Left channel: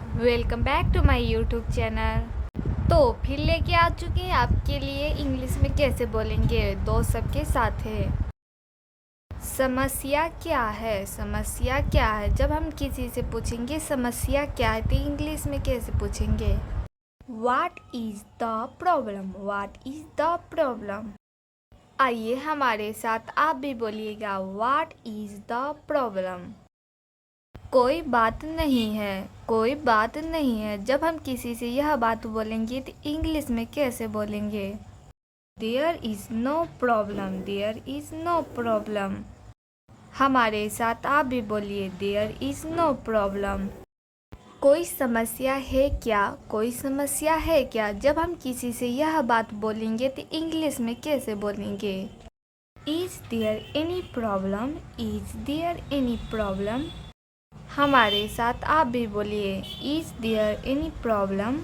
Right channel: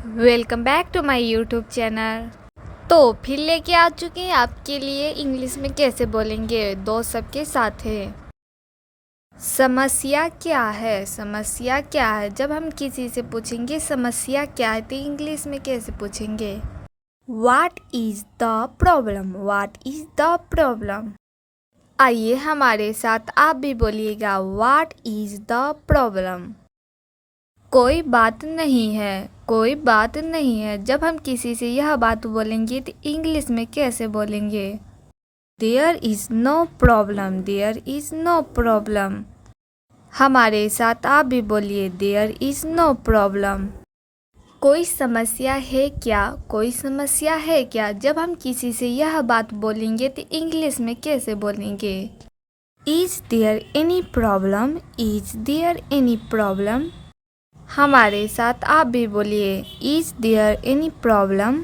Welcome back to my YouTube channel. तो फिर लेके आ चुके हैं आपके लिए इंग्लिश में कैसे बोलेंगे दोस्त सबके साथ है। समस्या क्या है? समस्या क्या है? जब हम किसी से पूछेंगे समस्या क्या है तो इंग्लिश में कैसे पूछेंगे? What is the problem? What is the problem? आइए हमारे साथ आप भी बोलिएगा What is the problem? कोई बात नहीं है, कोई बात नहीं है। जब हम किसी से यह बात बोलेंगे तो इंग्लिश में कैसे बोलेंगे? There is no problem, there is no problem. हमारे साथ आप भी बोलिए देयर इज़ नो प्रॉब्लम। कोई समस्या है क्या? कोई समस्या है क्या? जब हम किसी से यह बात बोलेंगे तो इंग्लिश में कैसे बोलेंगे? Is there any problem? Is there any problem? हमारे साथ आप भी बोलिए इज़ देयर एनी प्रॉब्लम?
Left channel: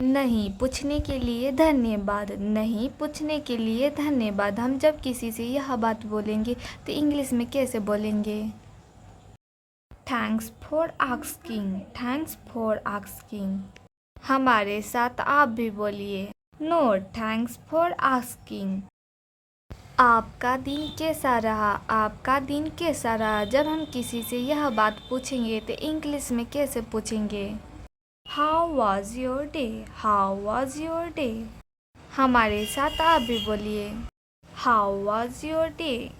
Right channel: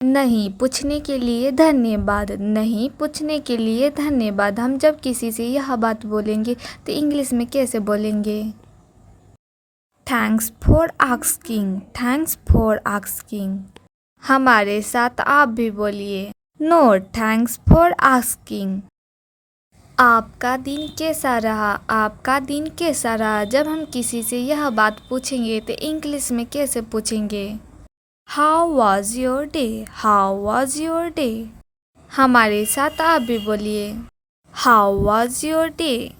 नहीं पूछने के लिए धन्यवाद, नहीं पूछने के लिए धन्यवाद। हम जब किसी से यह बात बोलेंगे तो इंग्लिश में कैसे बोलेंगे? Thanks for asking, thanks for asking. हमारे साथ आप भी बोलिए नो थैंक्स फॉर आस्किंग। आपका दिन कैसा रहा? आपका दिन कैसा रहा? जब हम किसी से यह बात पूछेंगे तो इंग्लिश में कैसे पूछेंगे? How was your day? How was your day? हमारे साथ आप भी बोलिए हाउ वॉज योर डे?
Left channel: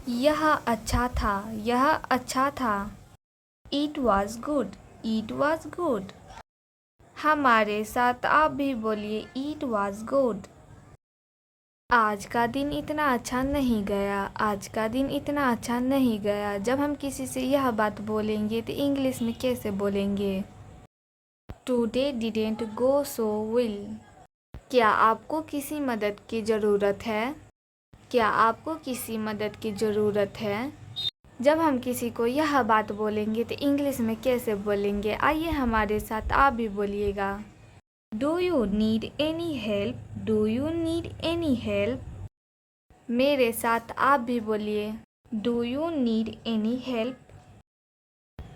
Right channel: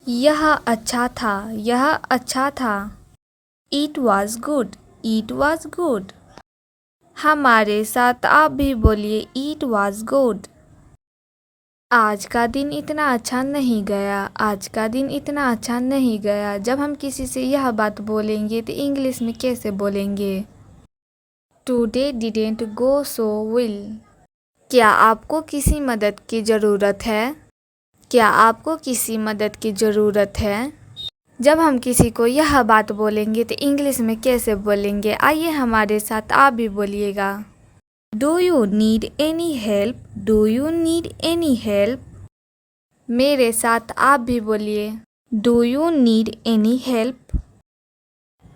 यह अच्छा था, यह अच्छा था। It was good, it was good. हमारे साथ आप भी बोलिए इट वॉज गुड। आज का दिन इतना अच्छा नहीं गया, आज का दिन इतना अच्छा नहीं गया। जब हम किसी से यह बात बोलेंगे तो इंग्लिश में कैसे बोलेंगे? Today didn't go so well. क्या आपको किसी मदद की ज़रूरत है? क्या आपको किसी मदद की ज़रूरत है? जब हम किसी को यह बात बोलेंगे तो इंग्लिश में कैसे बोलेंगे? आइए हमारे साथ आप भी बोलिएगा do you need any help? Do you need any help? मेरे साथ आप भी बोलिए do you need any help?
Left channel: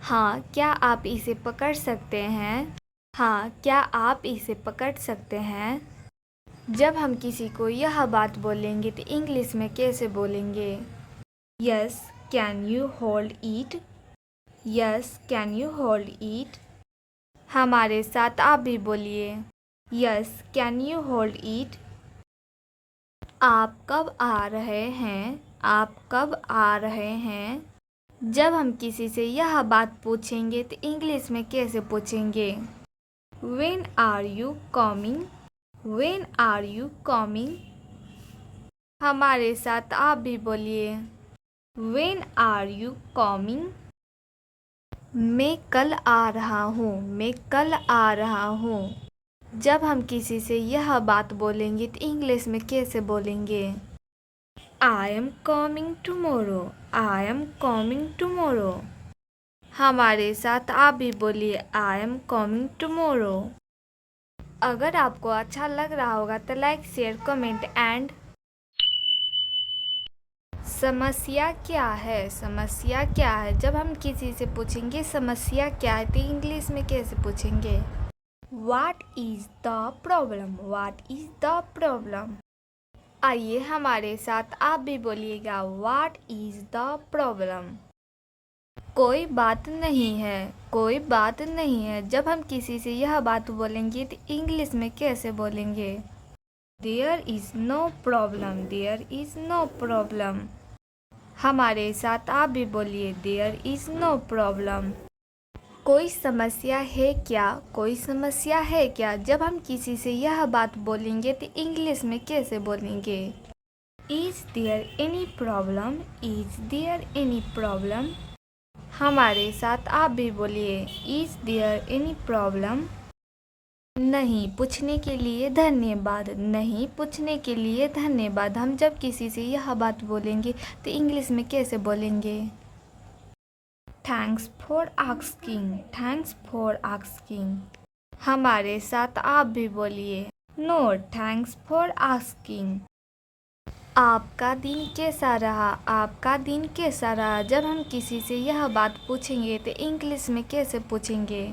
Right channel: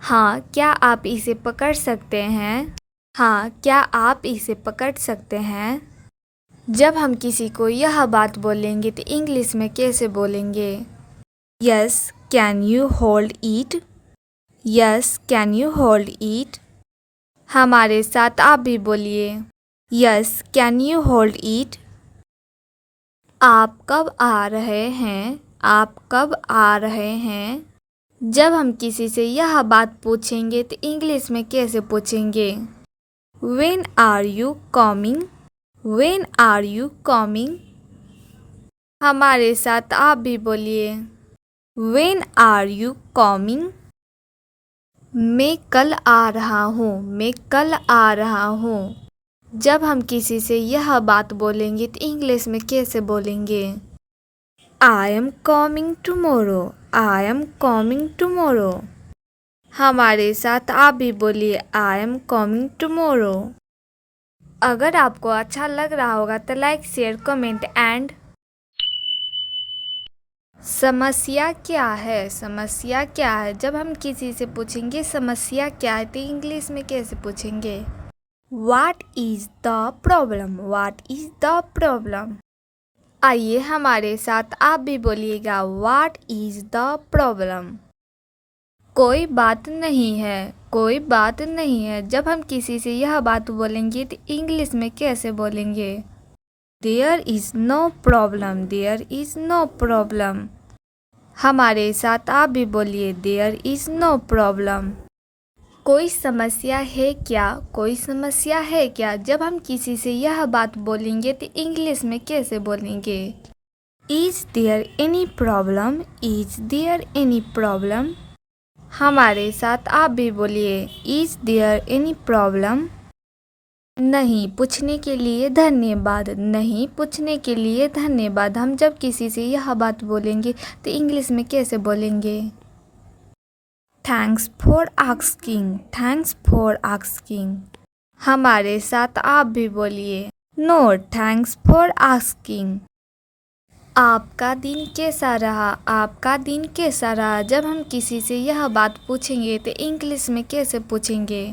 हाँ, क्या आप इसे पकड़ सकते हैं? हाँ, क्या आप इसे पकड़ सकते हैं? जब हम किसी को यह बात बोलेंगे तो इंग्लिश में कैसे बोलेंगे? Yes can you hold it? Yes can you hold it? हमारे साथ आप भी बोलिए yes can you hold it? आप कब आ रहे हैं? आप कब आ रहे हैं? जब हम किसी से यह बात पूछेंगे तो इंग्लिश में कैसे पूछेंगे? When are you coming? When are you coming? हमारे साथ आप भी बोलिए व्हेन आर यू कमिंग? मैं कल आ रहा हूँ, मैं कल आ रहा हूँ। जब हम किसी से यह बात बोलेंगे तो इंग्लिश में कैसे बोलेंगे? I am coming tomorrow, I am coming tomorrow. हमारे साथ आप भी बोलिए आई एम कमिंग टुमारो। अगर आपको अच्छा लग रहा होगा तो लाइक शेयर कमेंट एंड समस्या क्या है? समस्या क्या है? जब हम किसी से पूछेंगे समस्या क्या है तो इंग्लिश में कैसे पूछेंगे? What is the problem? What is the problem? आइए हमारे साथ आप भी बोलिएगा What is the problem? कोई बात नहीं है, कोई बात नहीं है। जब हम किसी से यह बात बोलेंगे तो इंग्लिश में कैसे बोलेंगे? There is no problem, there is no problem। हमारे साथ आप भी बोलिए There is no problem। कोई समस्या है क्या? कोई समस्या है क्या? जब हम किसी से यह बात बोलेंगे तो इंग्लिश में कैसे बोलेंगे? Is there any problem? Is there any problem? हमारे साथ आप भी बोलिए इज़ देयर एनी प्रॉब्लम? नहीं पूछने के लिए धन्यवाद, नहीं पूछने के लिए धन्यवाद। हम जब किसी से यह बात बोलेंगे तो इंग्लिश में कैसे बोलेंगे? Thanks for asking, thanks for asking. हमारे साथ आप भी बोलिए नो थैंक्स फॉर आस्किंग। आपका दिन कैसा रहा? आपका दिन कैसा रहा? जब हम किसी से यह बात पूछेंगे तो इंग्लिश में कैसे पूछेंगे?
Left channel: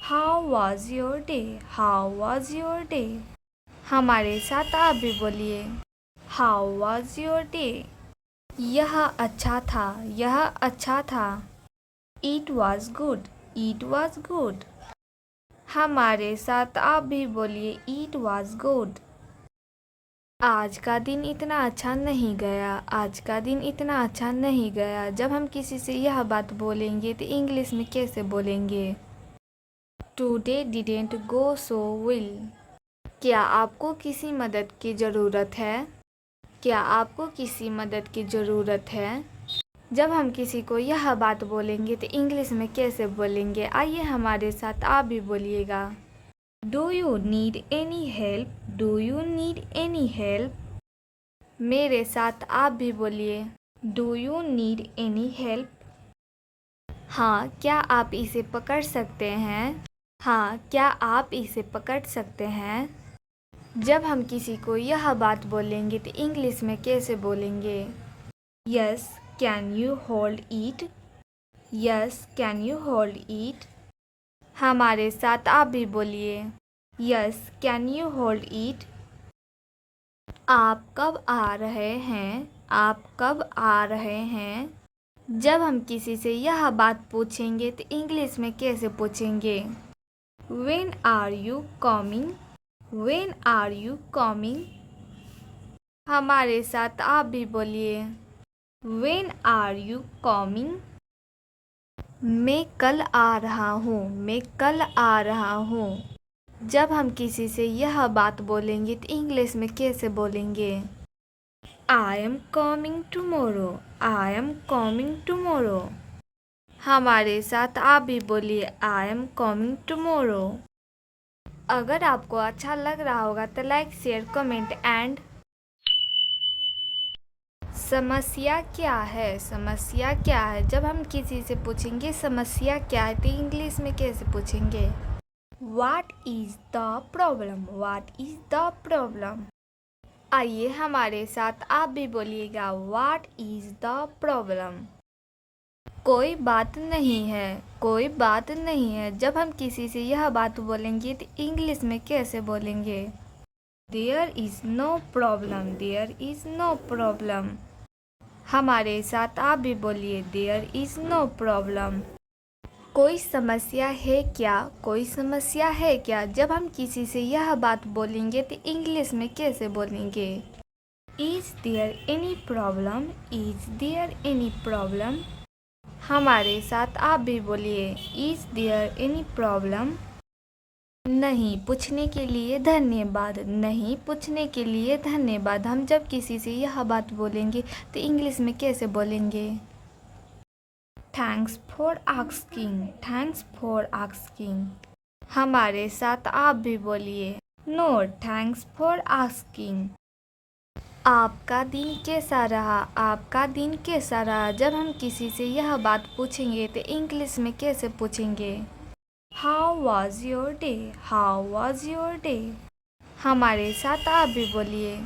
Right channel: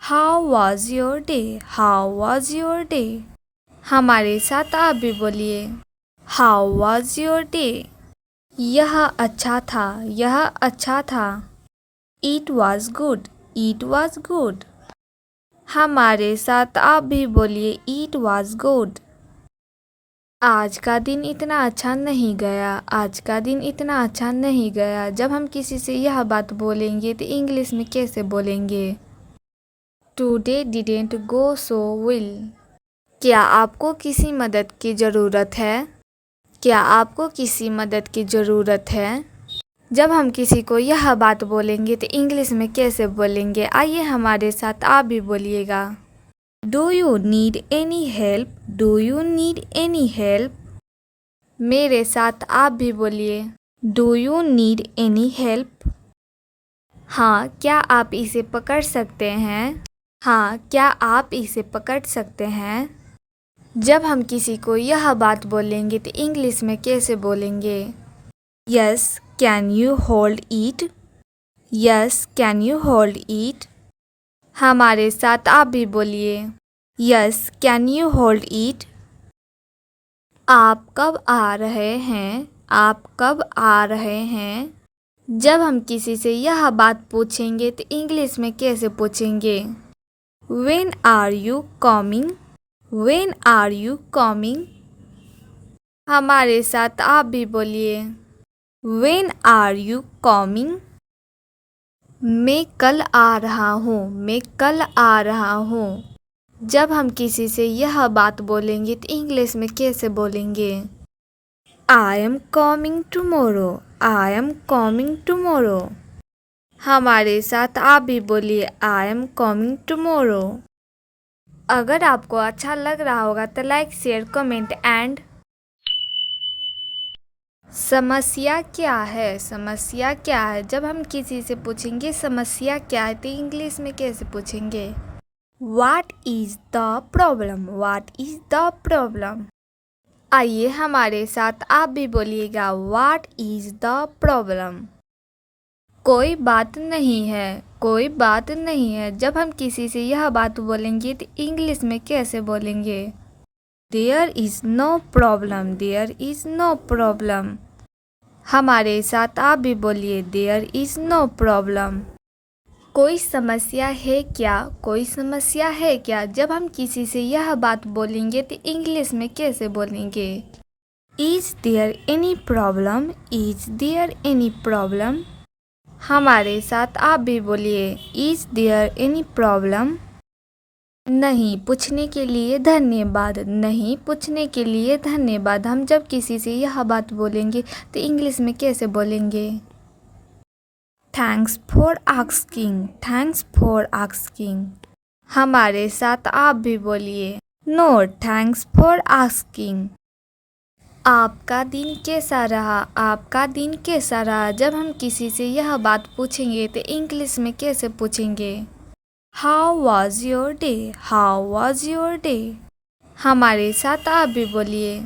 How was your day? How was your day? हमारे साथ आप भी बोलिए, हाउ वॉज योर डे? यह अच्छा था, यह अच्छा था। It was good, it was good. हमारे साथ आप भी बोलिए, इट वॉज गुड। आज का दिन इतना अच्छा नहीं गया, आज का दिन इतना अच्छा नहीं गया। जब हम किसी से यह बात बोलेंगे तो इंग्लिश में कैसे बोलेंगे? Today didn't go so well. क्या आपको किसी मदद की ज़रूरत है? क्या आपको किसी मदद की ज़रूरत है? जब हम किसी को यह बात बोलेंगे तो इंग्लिश में कैसे बोलेंगे? आइए हमारे साथ आप भी बोलिएगा। Do you need any help? Do you need any help? मेरे साथ आप भी बोलिए, do you need any help? हाँ, क्या आप इसे पकड़ सकते हैं? हाँ, क्या आप इसे पकड़ सकते हैं? जब हम किसी को यह बात बोलेंगे तो इंग्लिश में कैसे बोलेंगे? Yes, can you hold it? Yes, can you hold it? हमारे साथ आप भी बोलिए, yes, can you hold it? आप कब आ रहे हैं? आप कब आ रहे हैं? जब हम किसी से यह बात पूछेंगे तो इंग्लिश में कैसे पूछेंगे? When are you coming? When are you coming? हमारे साथ आप भी बोलिए, When are you coming? मैं कल आ रहा हूँ, मैं कल आ रहा हूँ। जब हम किसी से यह बात बोलेंगे तो इंग्लिश में कैसे बोलेंगे? I am coming tomorrow. I am coming tomorrow. हमारे साथ आप भी बोलिए, I am coming tomorrow. अगर आपको अच्छा लग रहा होगा तो लाइक, शेयर, कमेंट एंड। समस्या क्या है? समस्या क्या है? जब हम किसी से पूछेंगे समस्या क्या है तो इंग्लिश में कैसे पूछेंगे? What is the problem? What is the problem? आइए हमारे साथ आप भी बोलिएगा, What is the problem? कोई बात नहीं है, कोई बात नहीं है। जब हम किसी से यह बात बोलेंगे तो इंग्लिश में कैसे बोलेंगे? There is no problem. There is no problem. हमारे साथ आप भी बोलिए, There is no problem. कोई समस्या है क्या? कोई समस्या है क्या? जब हम किसी से यह बात बोलेंगे तो इंग्लिश में कैसे बोलेंगे? Is there any problem? Is there any problem? हमारे साथ आप भी बोलिए, Is there any problem? नहीं पूछने के लिए धन्यवाद, नहीं पूछने के लिए धन्यवाद। हम जब किसी से यह बात बोलेंगे तो इंग्लिश में कैसे बोलेंगे? Thanks for asking, thanks for asking. हमारे साथ आप भी बोलिए, नो थैंक्स फॉर आस्किंग। आपका दिन कैसा रहा? आपका दिन कैसा रहा? जब हम किसी से यह बात पूछेंगे तो इंग्लिश में कैसे पूछेंगे? How was your day? How was your day? हमारे साथ आप भी बोलिए,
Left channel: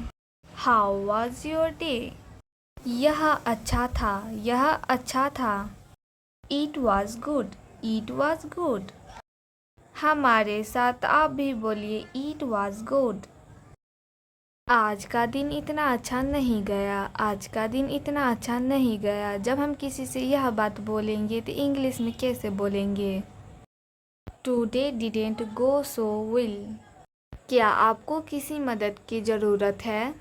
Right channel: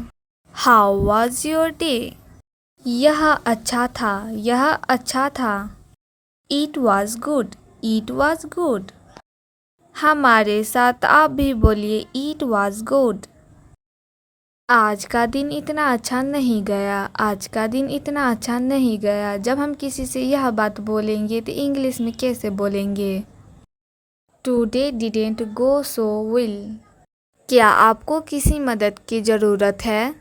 हाउ वॉज योर डे? यह अच्छा था, यह अच्छा था। It was good, it was good. हमारे साथ आप भी बोलिए, इट वॉज गुड। आज का दिन इतना अच्छा नहीं गया, आज का दिन इतना अच्छा नहीं गया। जब हम किसी से यह बात बोलेंगे तो इंग्लिश में कैसे बोलेंगे? Today didn't go so well. क्या आपको किसी मदद की ज़रूरत है?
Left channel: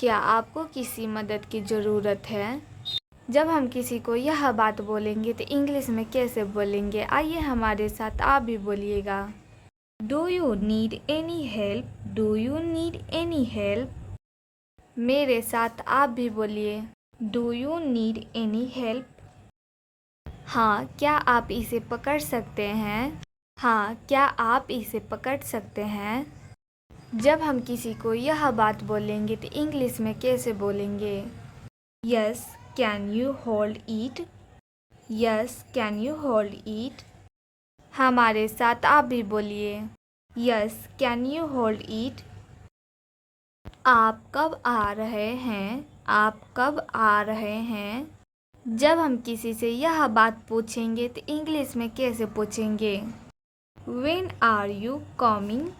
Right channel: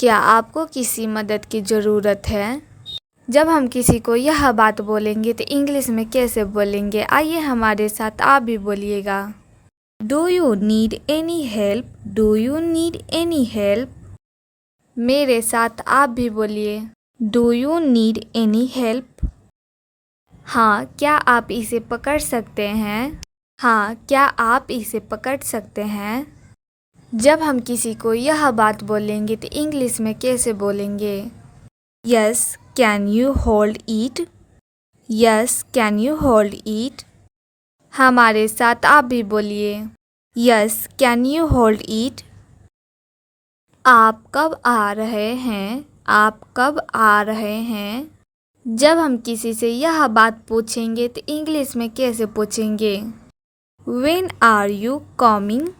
क्या आपको किसी मदद की ज़रूरत है? जब हम किसी को यह बात बोलेंगे तो इंग्लिश में कैसे बोलेंगे? आइए हमारे साथ आप भी बोलिएगा, do you need any help? Do you need any help? मेरे साथ आप भी बोलिए, do you need any help? हाँ, क्या आप इसे पकड़ सकते हैं? हाँ, क्या आप इसे पकड़ सकते हैं? जब हम किसी को यह बात बोलेंगे तो इंग्लिश में कैसे बोलेंगे? Yes, can you hold it? Yes, can you hold it? हमारे साथ आप भी बोलिए, yes, can you hold it? आप कब आ रहे हैं? आप कब आ रहे हैं? जब हम किसी से यह बात पूछेंगे तो इंग्लिश में कैसे पूछेंगे? When are you coming?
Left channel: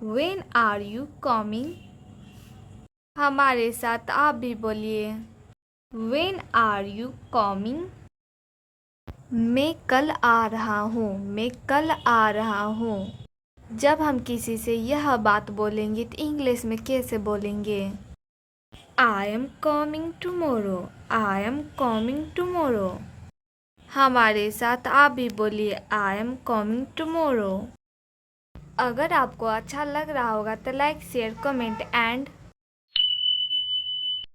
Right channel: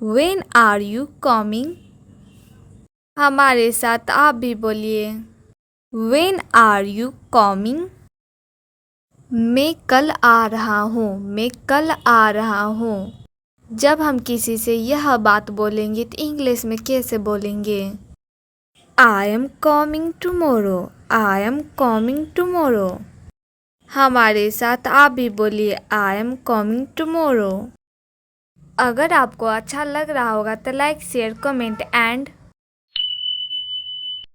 When are you coming? हमारे साथ आप भी बोलिए। When are you coming? मैं कल आ रहा हूँ। मैं कल आ रहा हूँ। जब हम किसी से यह बात बोलेंगे तो इंग्लिश में कैसे बोलेंगे? I am coming tomorrow. I am coming tomorrow. हमारे साथ आप भी बोलिए I am coming tomorrow. अगर आपको अच्छा लग रहा होगा तो लाइक शेयर कमेंट एंड